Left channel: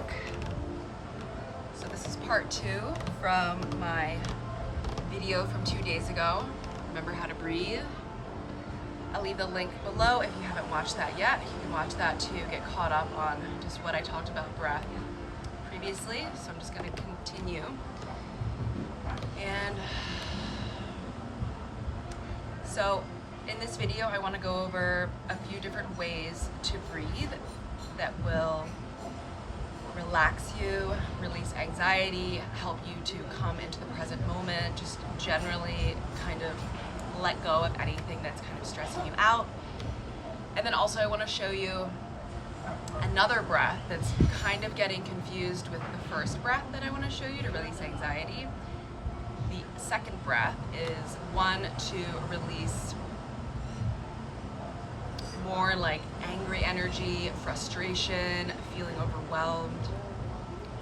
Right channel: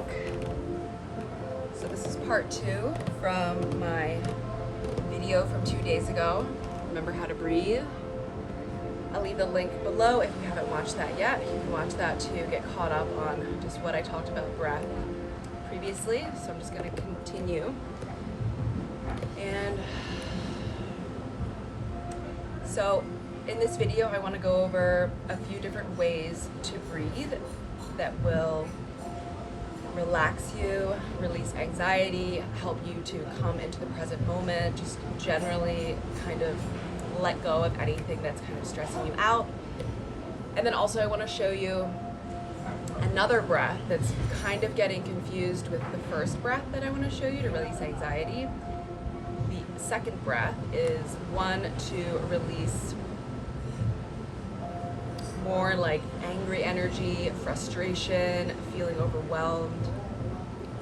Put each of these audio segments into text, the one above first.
back. So this is part 2 from my video from 2 days ago. Remember how to breathe. I'll leave the link below if you haven't watched that yet. You can watch that to get caught up on just what I talked about breath previously. So I'm just going to continue. And so in this video, I want to go over a few different ways to breathe that will relax you, release anxiety, help you to come into the present moment, just generally kind of let go of anything that's kind of stressing you out. And then also I want to show you another breath that's kind of getting confused with the first breath that I want to show you to release anxiety. The second breath is one to release more like angry energy, frustration, feeling overwhelmed.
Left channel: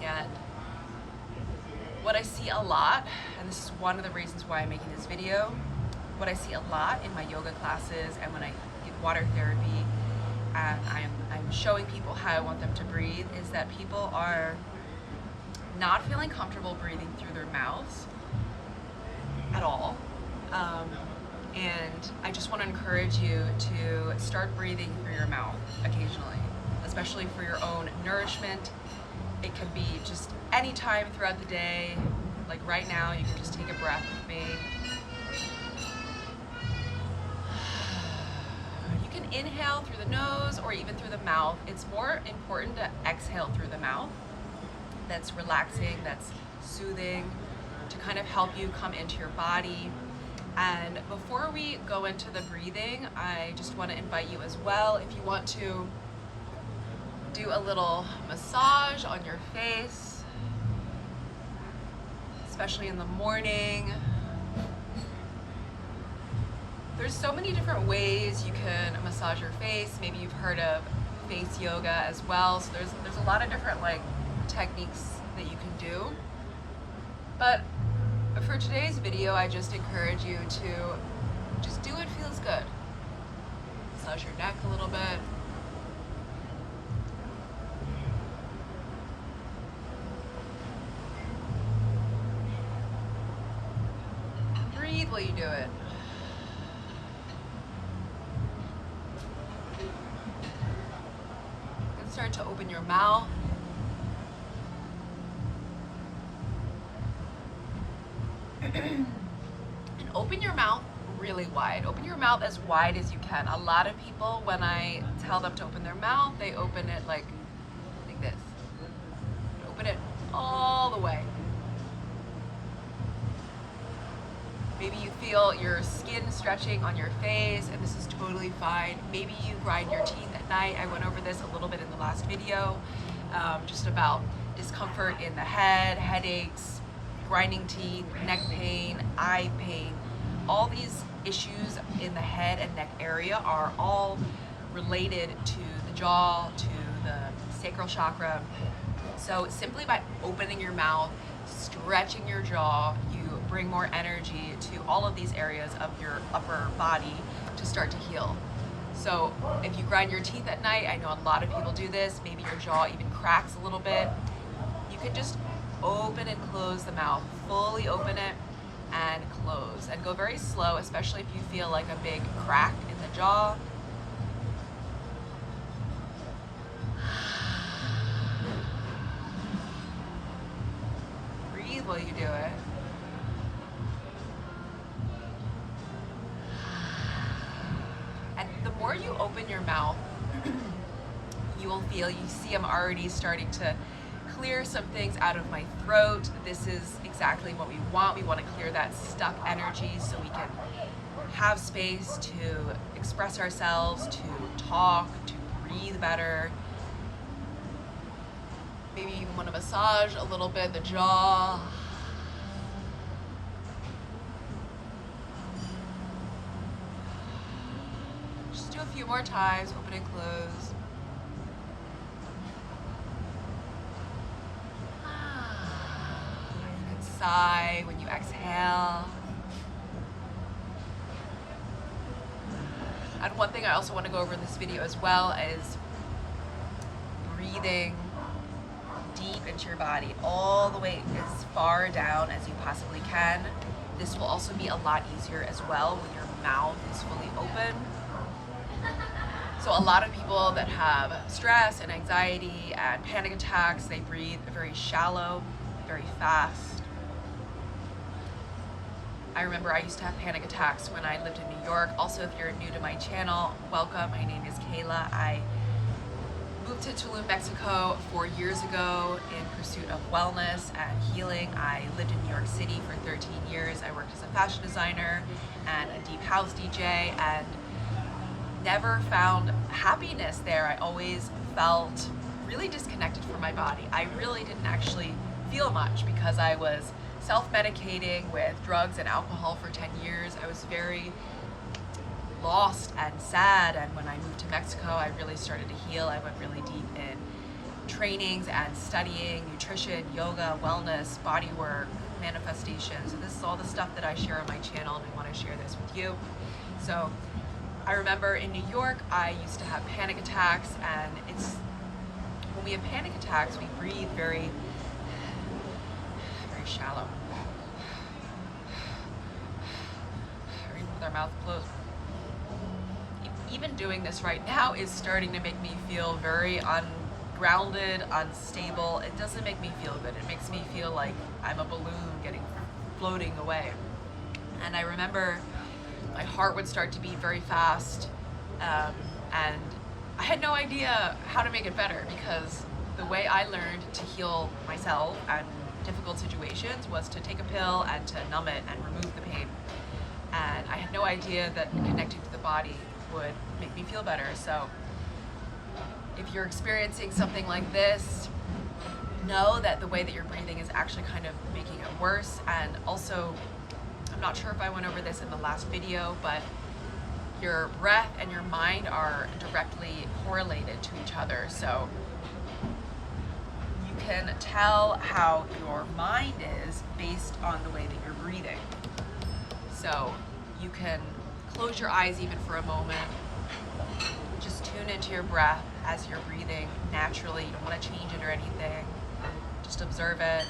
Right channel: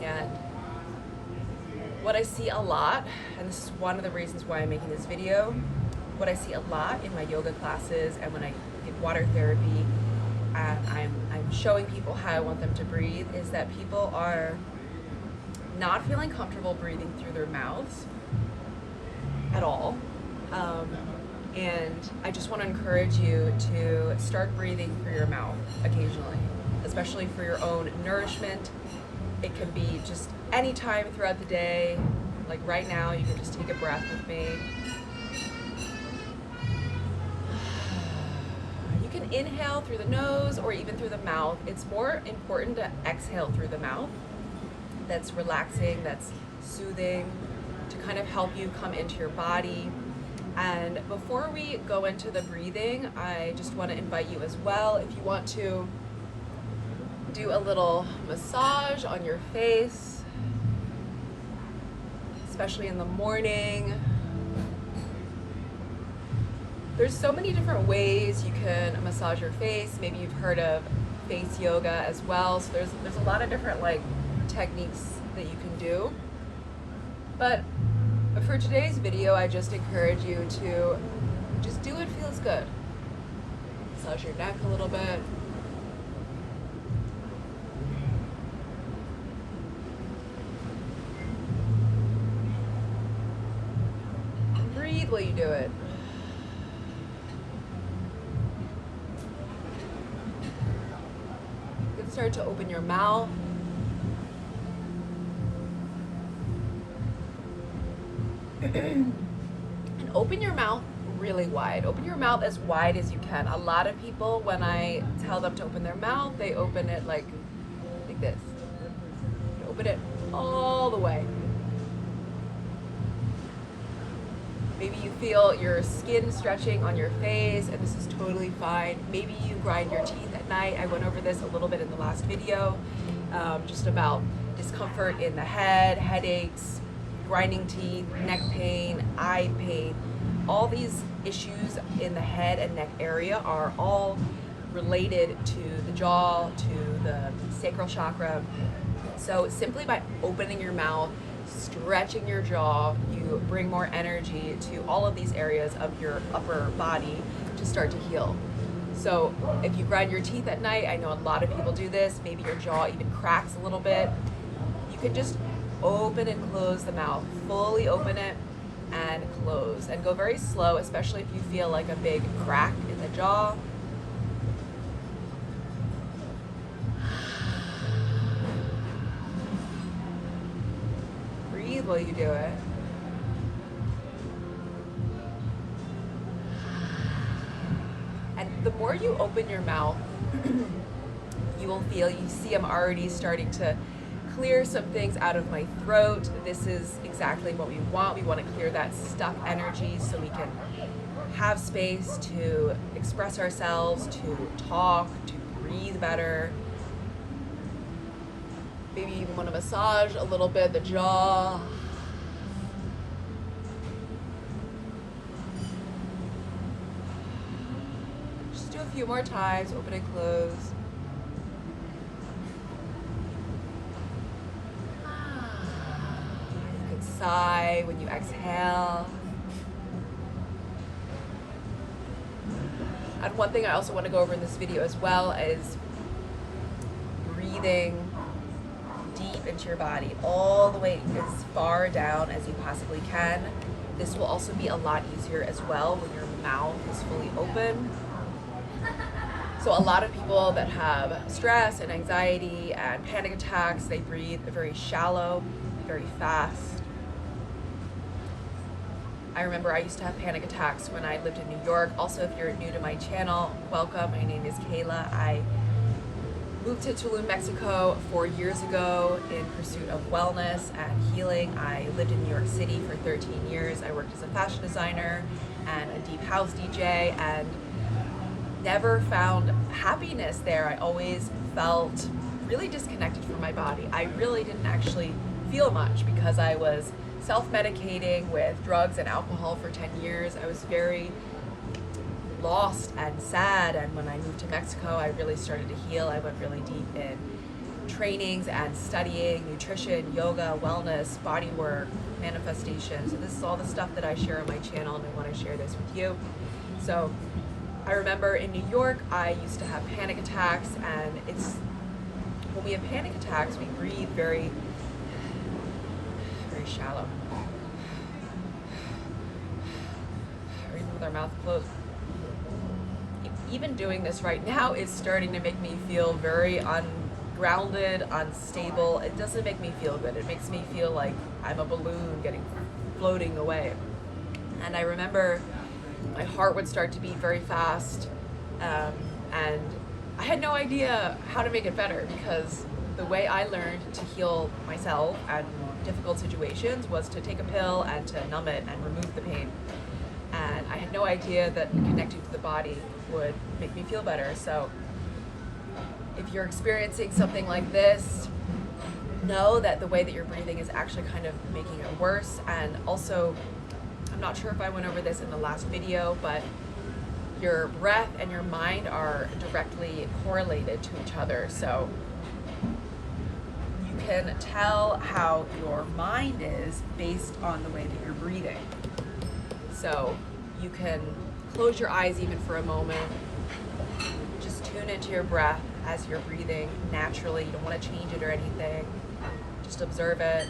And what I see a lot, and this is one of the reasons why I'm making this video, what I see a lot in my yoga classes and when I give water therapy and I'm showing people how I want them to breathe, is that people are not feeling comfortable breathing through their mouths at all. And I just want to encourage you to start breathing through your mouth occasionally, especially for your own nourishment. It can be just any time throughout the day. Like right now, you can just take a breath with me. You can inhale through the nose or even through the mouth. It's more important to exhale through the mouth. That's relaxing, that's soothing, to kind of help you come into your body. And before we go into the breathing, I just want to invite you as well, if you want to do a little massage on your face, especially in the morning. There's so many different ways you can massage your face. Maybe you've heard of face yoga as well. So there's a lot of different like techniques that you can do. But for today's video, I just encourage you to just do what feels good. Massage your neck a little bit. And breathe while you do it. You can start to open your mouth. And open your mouth really wide. Open your mouth as wide as you can. A lot of people, when I tell them to open their mouth, they open it like this. Open it all the way. Maybe you feel your skin stretching on your face, and this is totally fine. Maybe you grind your teeth at night. I went over this a little bit in the last video, just about discomfort in the head, headaches, grinding teeth, neck pain, eye pain. All these issues in the head and neck area are all related to the jaw, to the sacral chakra. So simply by opening your mouth, stretching your jaw, you bring more energy to all of these areas of your upper body to start to heal. So if you grind your teeth at night, I know a lot of people do this, maybe your jaw even cracks a little bit, you could just open and close the mouth, fully open it and close, and go very slow, especially if you feel like a big crack in the jaw. Breathe while you do it. And the more you open your mouth, you will feel, you see I'm already starting to clear some things out of my throat. This is exactly what we want. We want to clear that stuck energy so we can have space to express ourselves, to talk, to breathe better. Maybe you even want to massage a little bit the jaw. Just do a few more times, open and close. Sigh when you exhale. And one thing I also want to go over in this video as well is breathing deep into your body, all the way as far down as you possibly can. This will also be a lot easier as well when your mouth is fully open. So a lot of people that have stress and anxiety and panic attacks, they breathe very shallow, very fast. I remember I used to have panic attacks when I lived in New York. Also, if you're new to my channel, welcome. My name is Kayla. I moved to Tulum, Mexico 4 years ago in pursuit of wellness and healing. I lived in New York City for 13 years. I worked as a fashion designer and a deep house DJ and never found happiness there. I always felt really disconnected from my body. I really didn't actually feel much because I was self-medicating with drugs and alcohol for 10 years. I was very lost and sad, and when I moved to Mexico, I really started to heal. I went really deep in trainings and studying nutrition, yoga, wellness, body work, manifestation. So this is all the stuff that I share on my channel, and I want to share this with you. So I remember in New York, I used to have panic attacks, and when we have panic attacks, we breathe very shallow, or even with our mouth closed. Even doing this right now is starting to make me feel very ungrounded, unstable. It doesn't make me feel good. It makes me feel like I'm a balloon floating away. And I remember my heart would start to beat very fast, and I had no idea how to make it better, because the way I learned to heal myself and difficult situations was to take a pill and to numb it and remove the pain. And I had no idea that connecting to the body would make me feel better. So if you're experiencing something like this, know that the way that you're breathing is actually kind of making it worse. And also, I'm not sure if I went over this in the last video, but your breath and your mind are directly correlated to each other. So you can tell how your mind is based on the way that you're breathing. So you can close your eyes even for a moment. Just tune into your breath as you're breathing naturally. You don't want to change it or anything. Just observe it.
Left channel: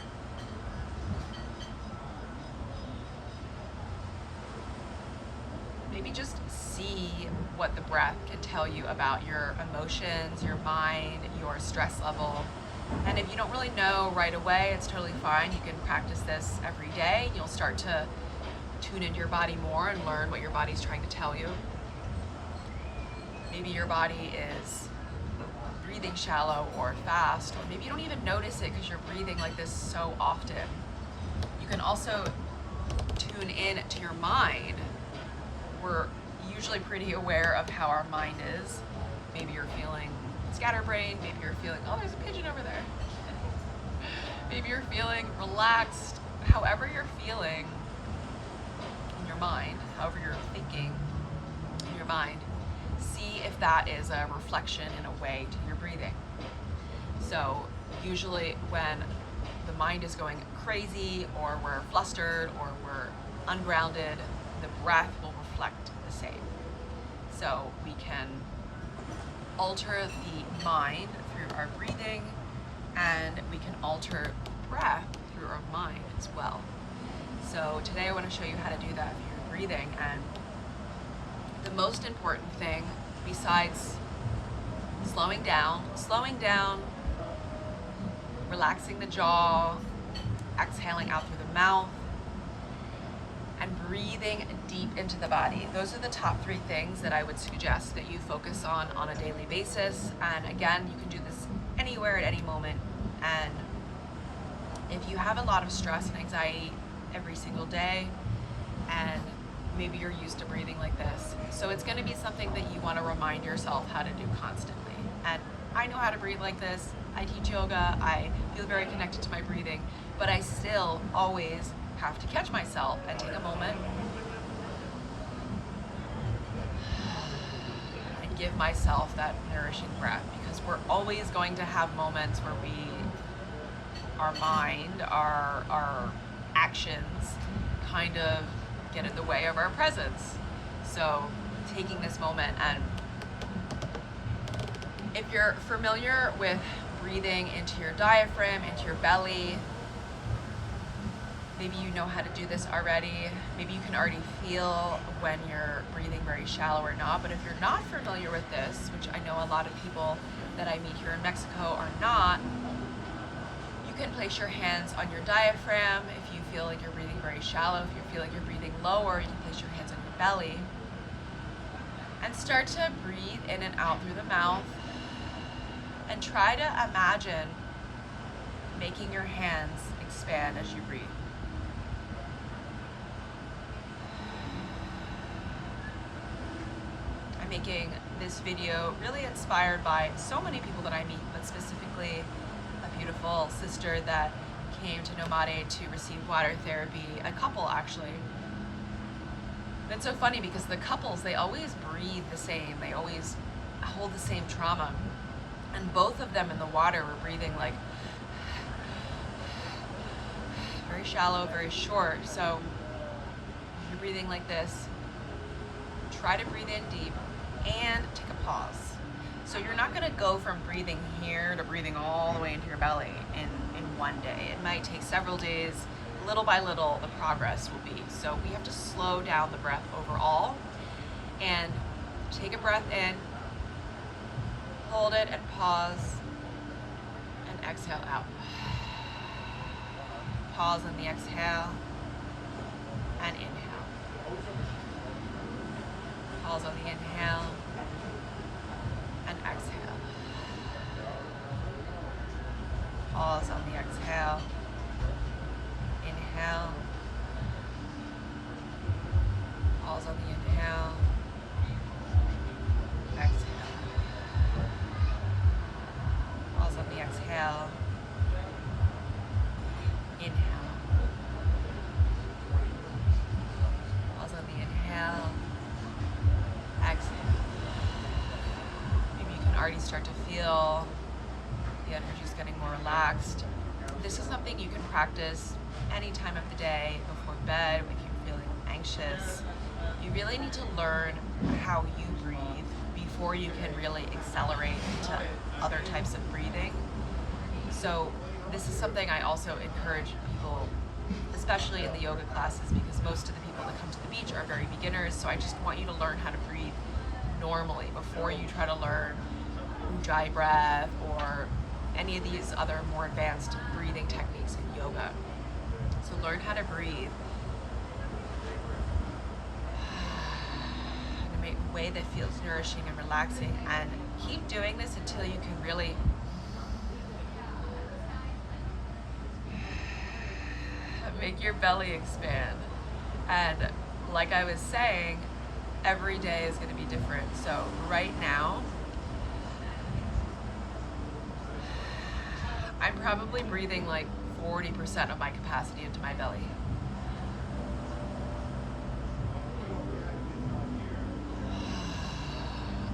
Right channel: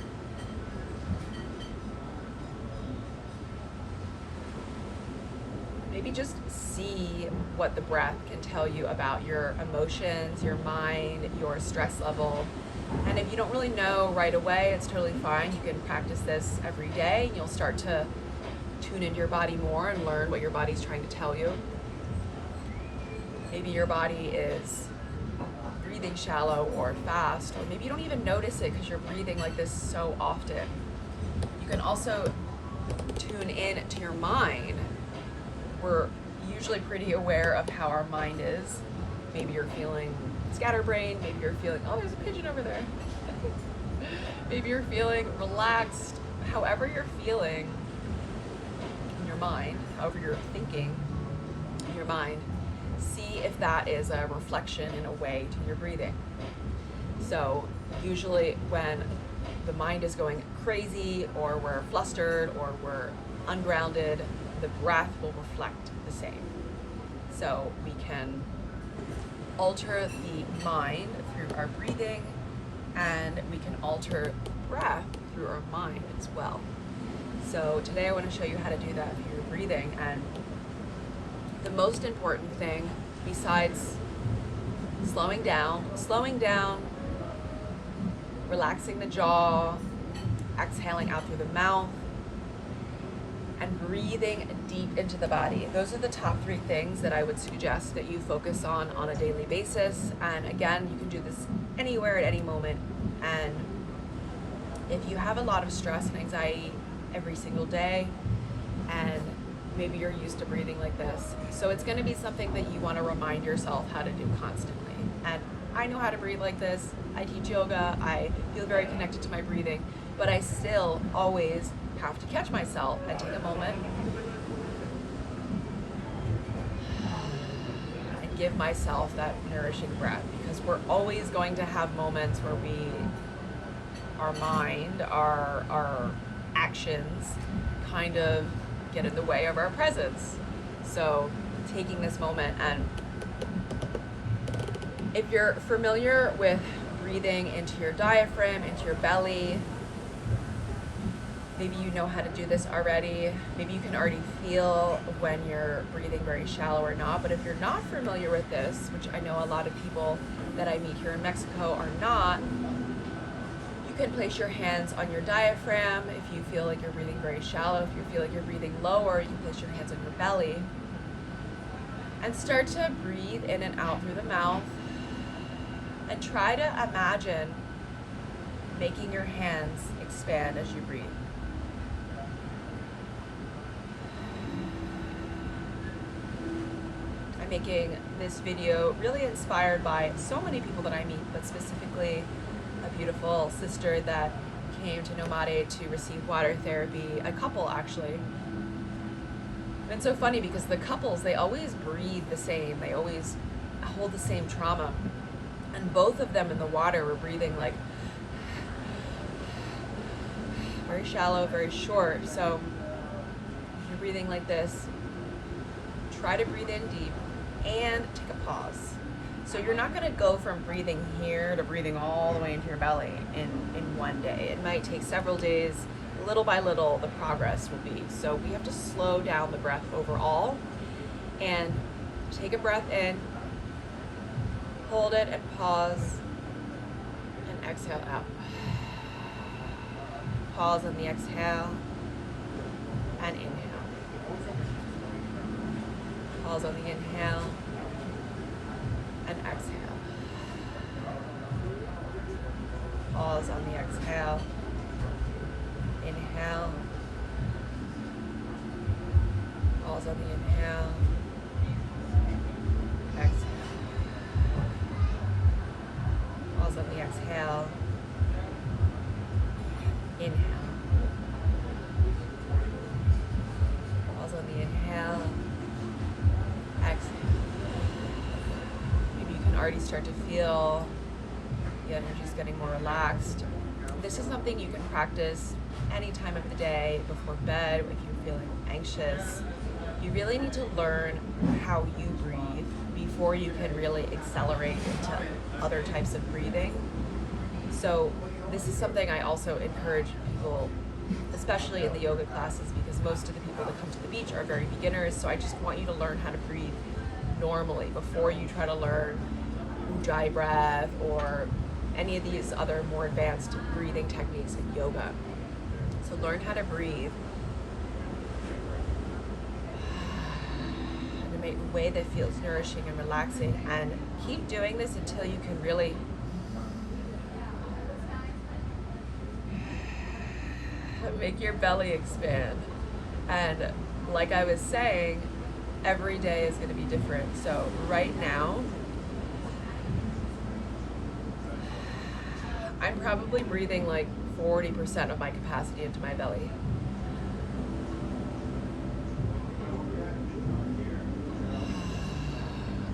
Maybe just see what the breath can tell you about your emotions, your mind, your stress level. And if you don't really know right away, it's totally fine. You can practice this every day. You'll start to tune into your body more and learn what your body's trying to tell you. Maybe your body is breathing shallow or fast, or maybe you don't even notice it because you're breathing like this so often. You can also tune in to your mind. We're usually pretty aware of how our mind is. Maybe you're feeling scatterbrained, maybe you're feeling, oh, there's a pigeon over there. Maybe you're feeling relaxed. However you're feeling in your mind, however you're thinking in your mind, see if that is a reflection in a way to your breathing. So usually when the mind is going crazy, or we're flustered, or we're ungrounded, the breath will reflect the same. So we can alter the mind through our breathing, and we can alter the breath through our mind as well. So today I want to show you how to do that through your breathing. And the most important thing, besides slowing down, relaxing the jaw, exhaling out through the mouth, and breathing deep into the body. Those are the top 3 things that I would suggest that you focus on a daily basis. And again, you can do this anywhere at any moment. And if you have a lot of stress and anxiety every single day, and maybe you're used to breathing like this, so it's going to be something that you want to remind yourself how to do constantly. And I know how to breathe like this. I teach yoga. I feel very connected to my breathing, but I still always have to catch myself and take a moment and give myself that nourishing breath, because we're always going to have moments where our mind, our actions kind of get in the way of our presence. So taking this moment, and If you're familiar with breathing into your diaphragm, into your belly, maybe you know how to do this already. Maybe you can already feel when you're breathing very shallow or not. But if you're not familiar with this, which I know a lot of people that I meet here in Mexico are not, you can place your hands on your diaphragm if you feel like you're breathing very shallow. If you feel like you're breathing lower, you can place your hands on your belly and start to breathe in and out through the mouth, and try to imagine making your hands expand as you breathe. I'm making this video really inspired by so many people that I meet, but specifically a beautiful sister that came to Nomade to receive water therapy, a couple actually. And it's so funny because the couples, they always breathe the same, they always hold the same trauma. And both of them in the water were breathing like very shallow, very short. So if you're breathing like this, try to breathe in deep and take a pause. So you're not gonna go from breathing here to breathing all the way into your belly in one day. It might take several days. Little by little, the progress will be. So we have to slow down the breath overall and take a breath in, hold it and pause, and exhale out. Pause on the exhale and inhale. Pause on the inhale and exhale. Pause on the exhale. Inhale. Pause on the inhale. Exhale. Pause on the exhale. Inhale. Pause on the inhale. Exhale. Maybe you can already start to feel the energy's getting more relaxed. This is something you can practice any time of the day, before bed, if you're feeling anxious. You really need to learn how you breathe before you can really accelerate into other types of breathing. So this is something I also encourage people, especially in the yoga classes, because most of the people that come to the beach are very beginners. So I just want you to learn how to breathe normally before you try to learn Ujjayi breath or any of these other more advanced breathing techniques in yoga. So learn how to breathe in a way that feels nourishing and relaxing, and keep doing this until you can really make your belly expand. And like I was saying, every day is going to be different. So right now, I'm probably breathing like 40% of my capacity into my belly.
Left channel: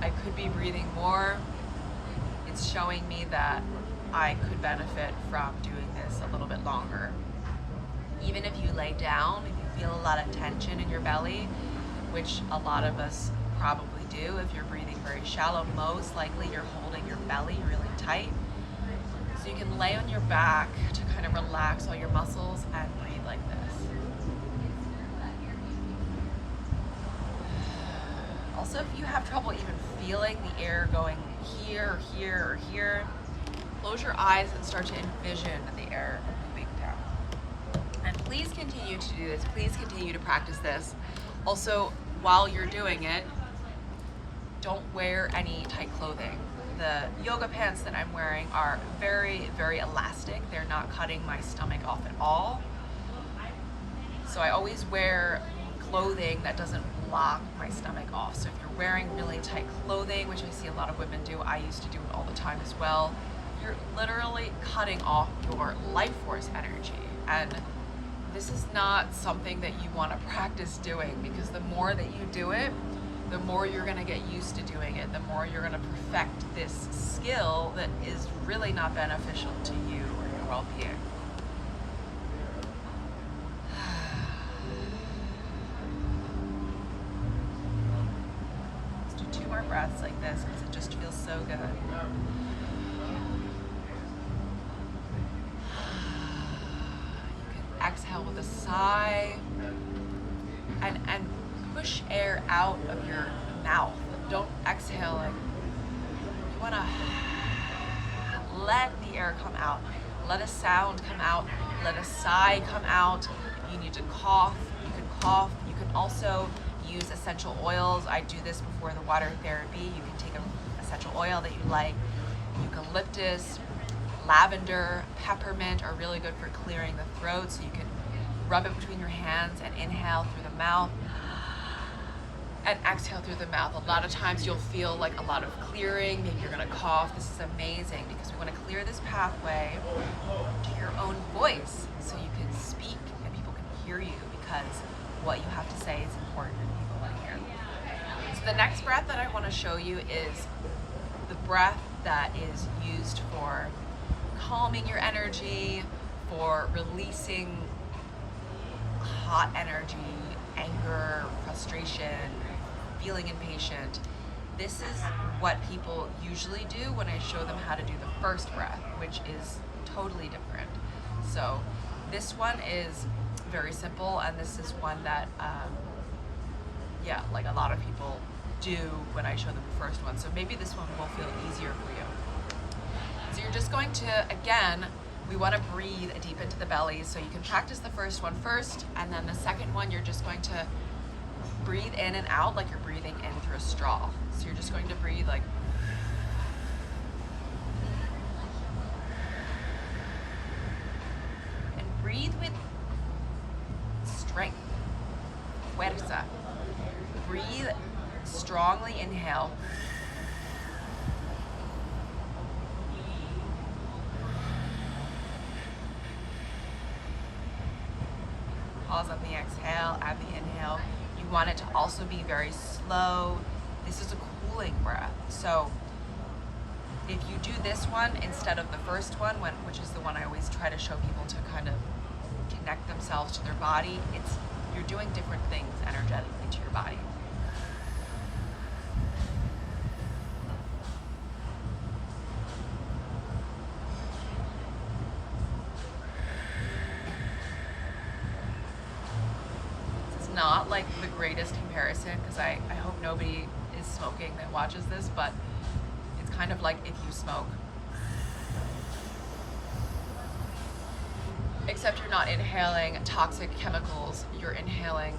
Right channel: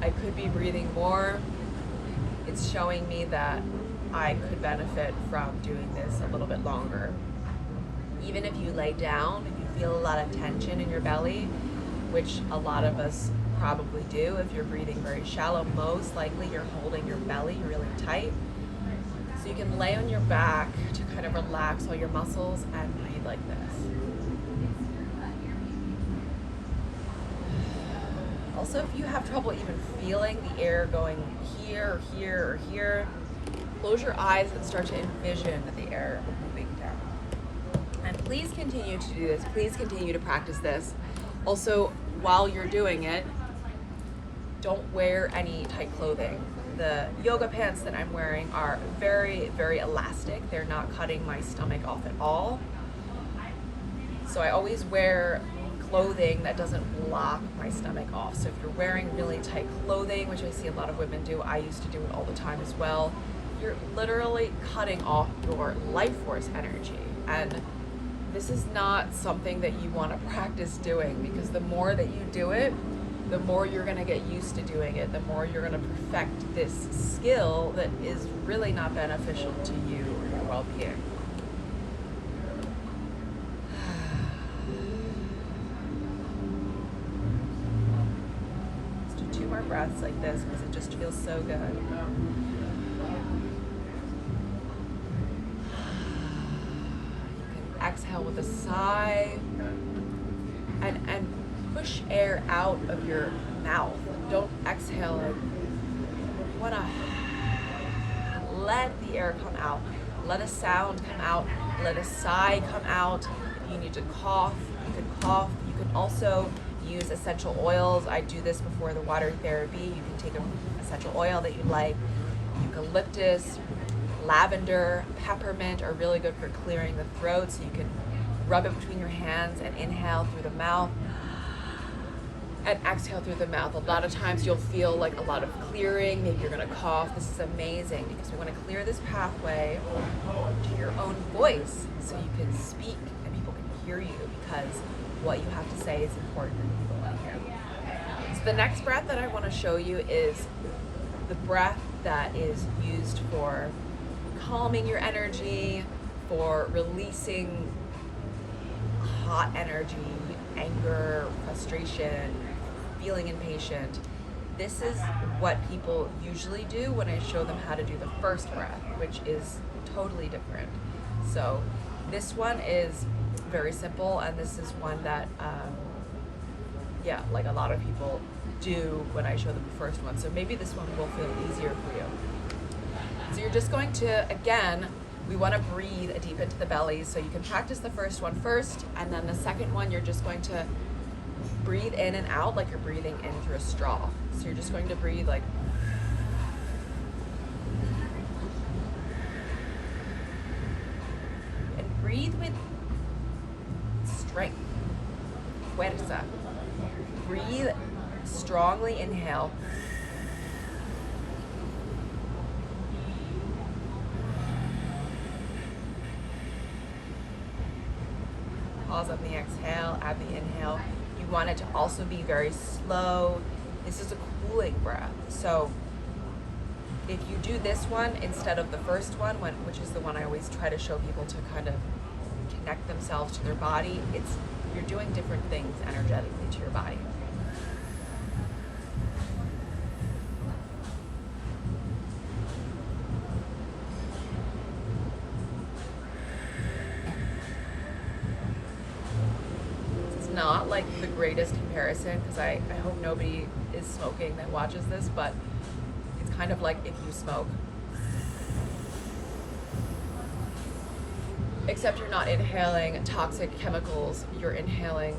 I could be breathing more. It's showing me that I could benefit from doing this a little bit longer. Even if you lay down, if you feel a lot of tension in your belly, which a lot of us probably do, if you're breathing very shallow, most likely you're holding your belly really tight. So you can lay on your back to kind of relax all your muscles and breathe like this. Also, if you have trouble even feeling the air going here or here or here, close your eyes and start to envision the air moving down. And please continue to do this. Please continue to practice this. Also, while you're doing it, don't wear any tight clothing. The yoga pants that I'm wearing are very, very elastic. They're not cutting my stomach off at all. So I always wear clothing that doesn't block my stomach off. So if you're wearing really tight clothing, which I see a lot of women do, I used to do it all the time as well, you're literally cutting off your life force energy. And this is not something that you want to practice doing, because the more that you do it, the more you're going to get used to doing it, the more you're going to perfect this skill that is really not beneficial to you or your well-being. Let's do 2 more breaths like this because it just feels so good. with a sigh, and push air out of your mouth. Don't exhale. Like, you want to let the air come out. Let a sound come out. Let a sigh come out. If you need to cough, you can cough. You can also use essential oils. I do this before the water therapy. You can take an essential oil that you like. Eucalyptus, lavender, peppermint are really good for clearing the throat, so you can rub it between your hands and inhale through the mouth and exhale through the mouth. A lot of times you'll feel like a lot of clearing. Maybe you're gonna cough. This is amazing because we want to clear this pathway to your own voice so you can speak and people can hear you, because what you have to say is important and people want to hear. So the next breath that I want to show you is the breath that is used for calming your energy, for releasing hot energy, anger, frustration, feeling impatient. This is what people usually do when I show them how to do the first breath, which is totally different. So this one is very simple, and this is one that like a lot of people do when I show them the first one. So maybe this one will feel easier for you. So you're just going to, again, we want to breathe deep into the belly. So you can practice the first one first, and then the second one, you're just going to breathe in and out like you're breathing in through a straw. So you're just going to breathe like, and breathe with strength, fuerza. Breathe strongly, inhale. Pause on the exhale, add the inhale. You want it to also be very slow. This is a cooling breath. So if you do this one instead of the first one, which is the one I always try to show people to kind of connect themselves to their body, you're doing different things energetically to your body. Not like the greatest comparison, because I hope nobody is smoking that watches this, but it's kind of like if you smoke, except you're not inhaling toxic chemicals, you're inhaling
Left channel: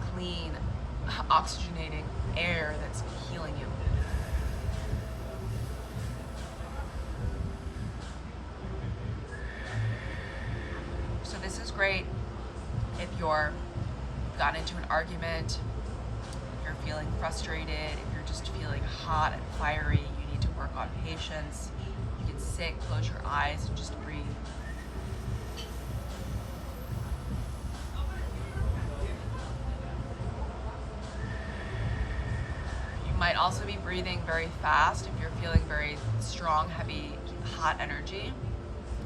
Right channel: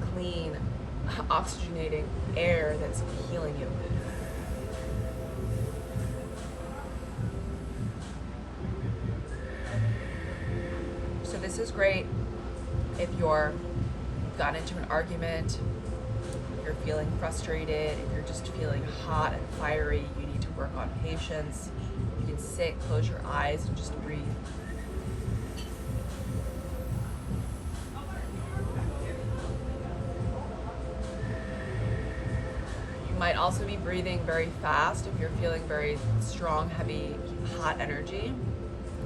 clean, oxygenating air that's healing you. So this is great if you've gotten into an argument, if you're feeling frustrated, if you're just feeling hot and fiery, you need to work on patience. You can sit, close your eyes, and just breathe. You might also be breathing very fast if you're feeling very strong, heavy, hot energy.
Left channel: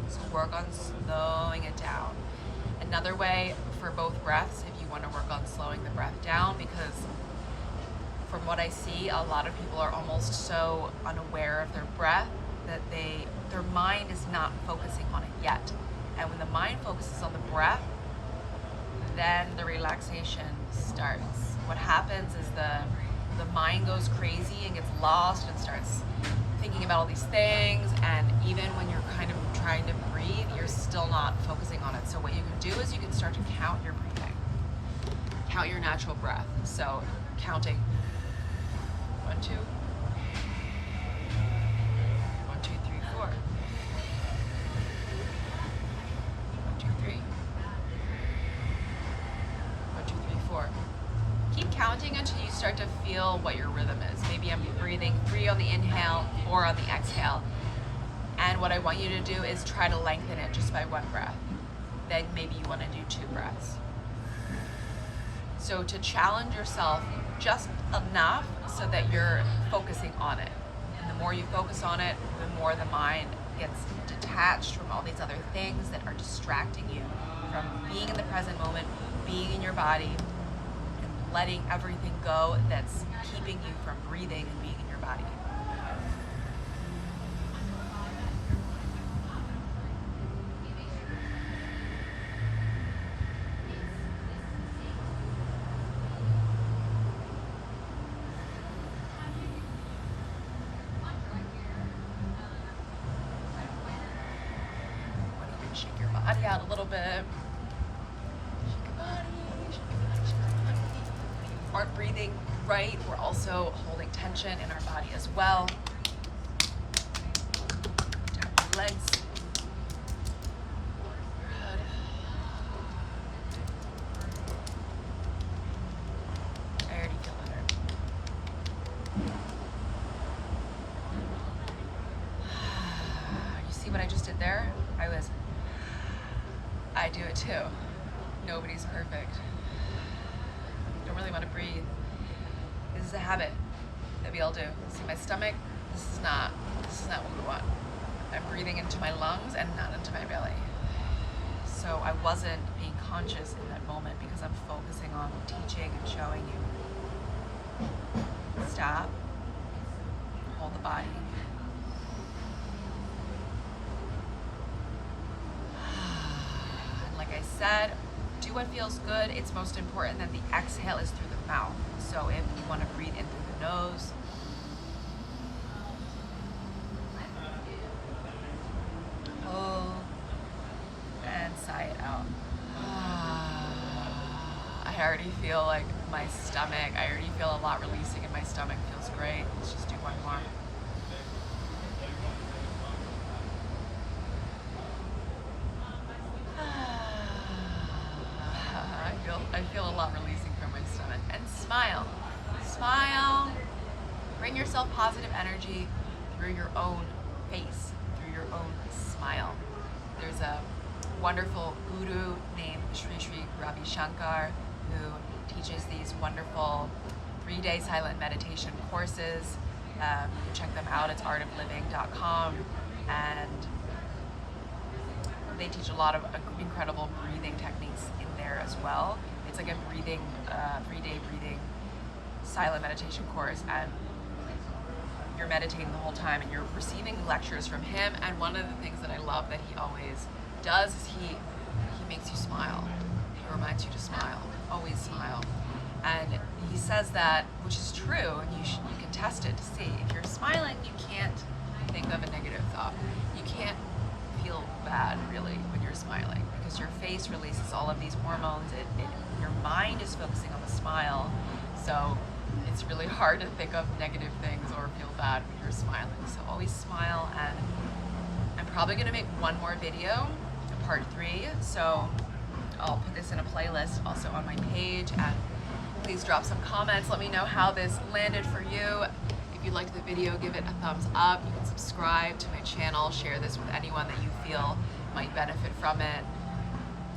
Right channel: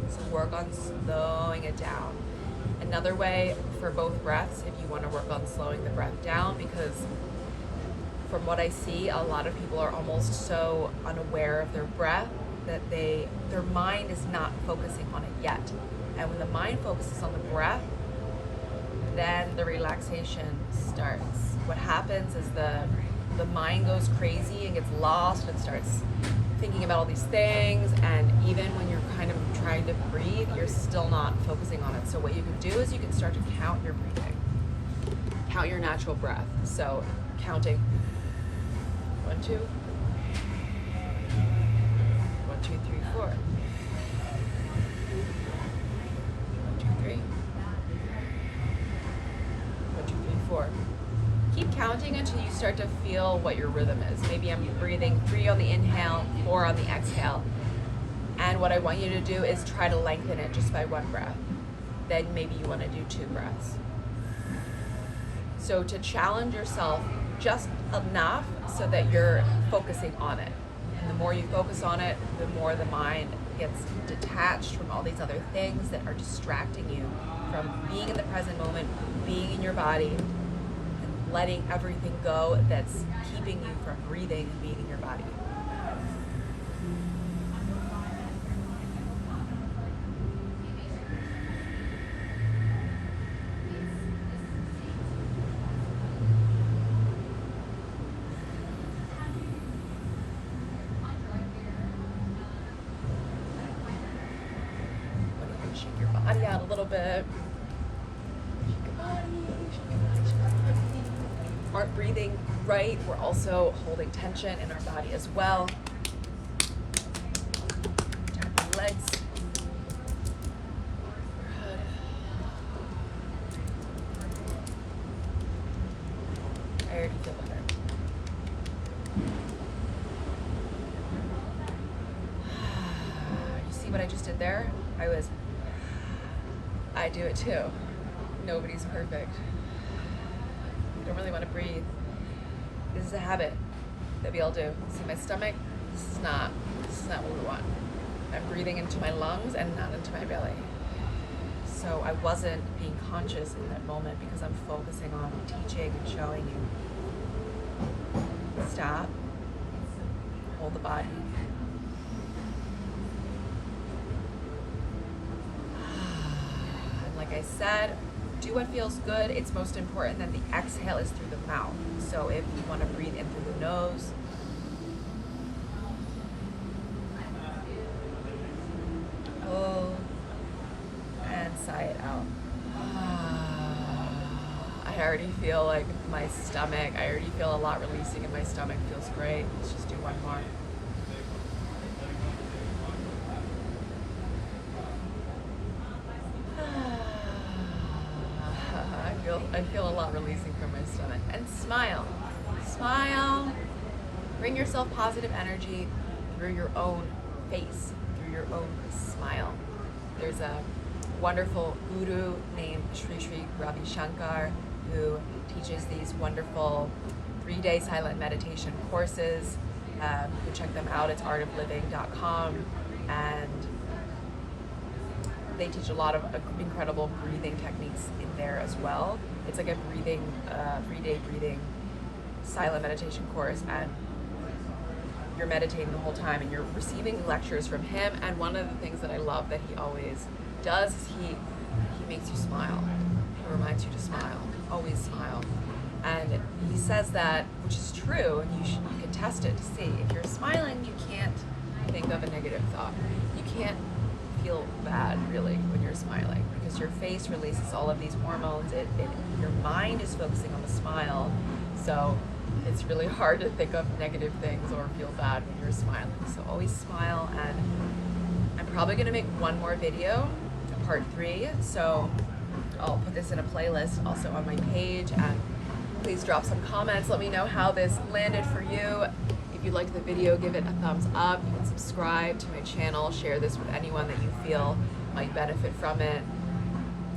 So work on slowing it down. Another way for both breaths, if you want to work on slowing the breath down, because from what I see, a lot of people are almost so unaware of their breath that their mind is not focusing on it yet. And when the mind focuses on the breath, then the relaxation starts. What happens is the mind goes crazy and gets lost and starts thinking about all these things, and even when you're kind of trying to breathe, you're still not focusing on it. So what you can do is you can start to count your breathing. Count your natural breath. So counting 1, 2, 1, 2, 3, 4. 1, 2, 3. 1, 2, 3, 4. Keep counting until you start to feel what your rhythm is. Maybe I'm breathing 3 on the inhale, 4 on the exhale. And what I want you to do is try to lengthen it just by 1 breath. Then maybe you want to do 2 breaths. So to challenge yourself just enough so that you're focusing on it. And the more you focus on it, the more the mind gets detached from all these other things that are distracting you from being in the present moment, being in your body, letting everything go that's keeping you from breathing and being in your body. body out a little bit. Shake your body, shake your body, shake your body. When you aren't breathing right, we're also holding tension in our body as well. Tap your legs, your head. I already feel better. You see what I just did there? I do it too. Nobody's perfect. Don't really want to breathe. This is a habit that we all do. See my stomach? This is not what we want. I'm breathing into my lungs and not into my belly. So I wasn't being conscious in that moment because I'm focusing on teaching and showing you. Stop. Hold the body. And like I said, do what feels good. It's most important that the exhale is through the mouth. So if you want to breathe in through the nose, pull and sigh it out. I already feel like my stomach, I already feel a lot releasing in my stomach. Feels great. Let's just do one more. I feel a lot releasing from my stomach. And smile. Smile. Bring yourself positive energy through your own face, through your own smile. There's a wonderful guru named Sri Ravi Shankar who teaches these wonderful 3-day silent meditation courses. You can check them out. It's artofliving.com, and they teach a lot of incredible breathing techniques in there as well. It's like a 3-day breathing silent meditation course, and you're meditating the whole time and you're receiving lectures from him. And one of the things that I love that he always does is he makes you smile. He reminds you to smile, always smile. And he says that, which is true, and you can test it to see. If you're smiling, you can't think of a negative thought. You can't feel bad really when you're smiling because your face releases all of these hormones. Your mind is focusing on the smile, so it's really hard to think of negative things or feel bad when you're smiling. So always smile. And I'm probably gonna make one more video, part 3, so I'll put this in a playlist also on my page, and please drop some comments. Let me know how this landed for you. If you liked the video, give it a thumbs up. You can subscribe to my channel, share this with anyone that you feel might benefit from it.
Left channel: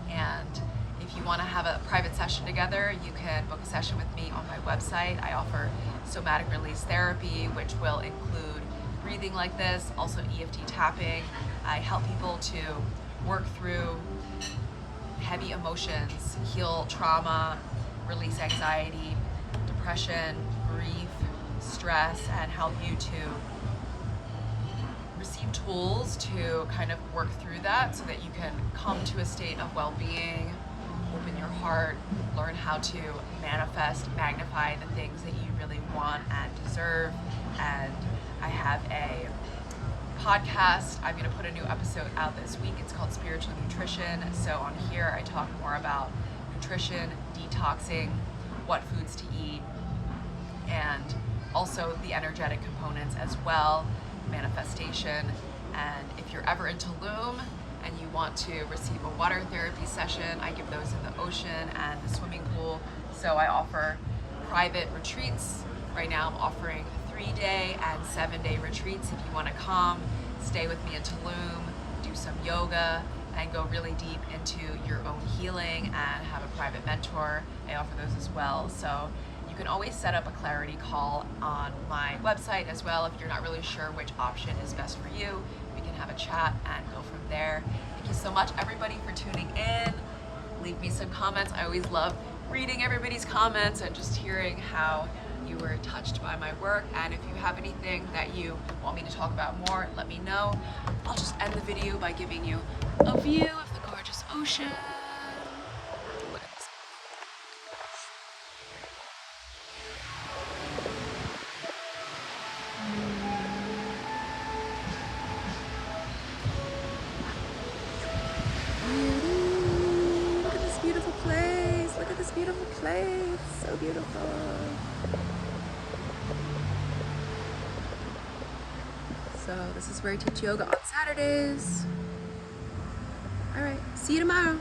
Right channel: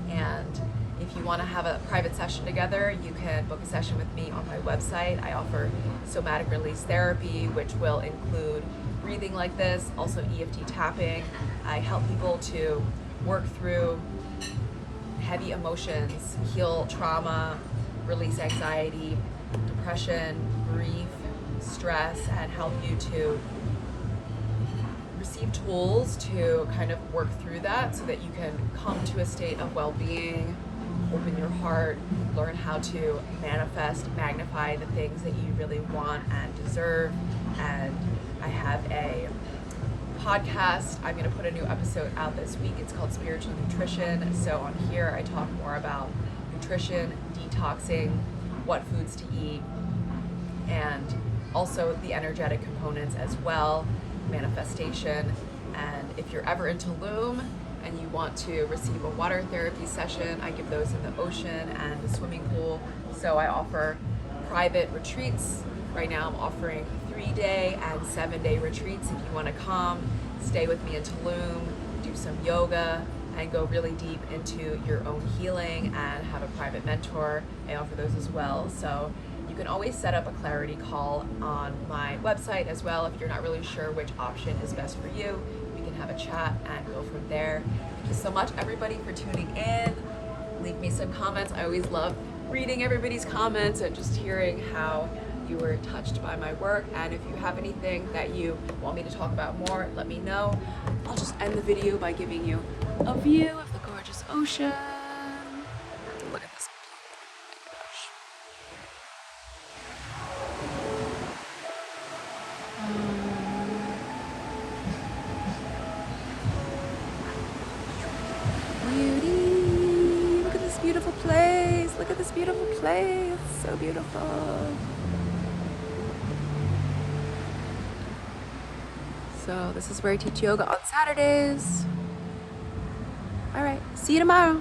And if you want to have a private session together, you can book a session with me on my website. I offer somatic release therapy, which will include breathing like this, also EFT tapping. I help people to work through heavy emotions, heal trauma, release anxiety, depression, grief, stress, and help you to receive tools to kind of work through that so that you can come to a state of well-being, open your heart, learn how to manifest, magnify the things that you really want and deserve. And I have a podcast. I'm going to put a new episode out this week. It's called Spiritual Nutrition. So on here I talk more about nutrition, detoxing, what foods to eat, and also the energetic components as well, manifestation. And if you're ever in Tulum and you want to receive a water therapy session, I give those in the ocean and the swimming pool. So I offer private retreats. Right now I'm offering 3-day and 7-day retreats. If you want to come, stay with me in Tulum, do some yoga, and go really deep into your own healing and have a private mentor. I offer those as well. So you can always set up a clarity call on my website as well. If you're not really sure which option is best for you, we can have a chat and go from there. Thank you so much, everybody, for tuning in. Leave me some comments. I always love reading everybody's comments and just hearing how you were touched by my work. And if you have anything that you want me to talk about more, let me know. I'll just end the video by giving you a view of the gorgeous ocean. Look at this. So this is where I teach yoga on Saturdays. All right, see you tomorrow.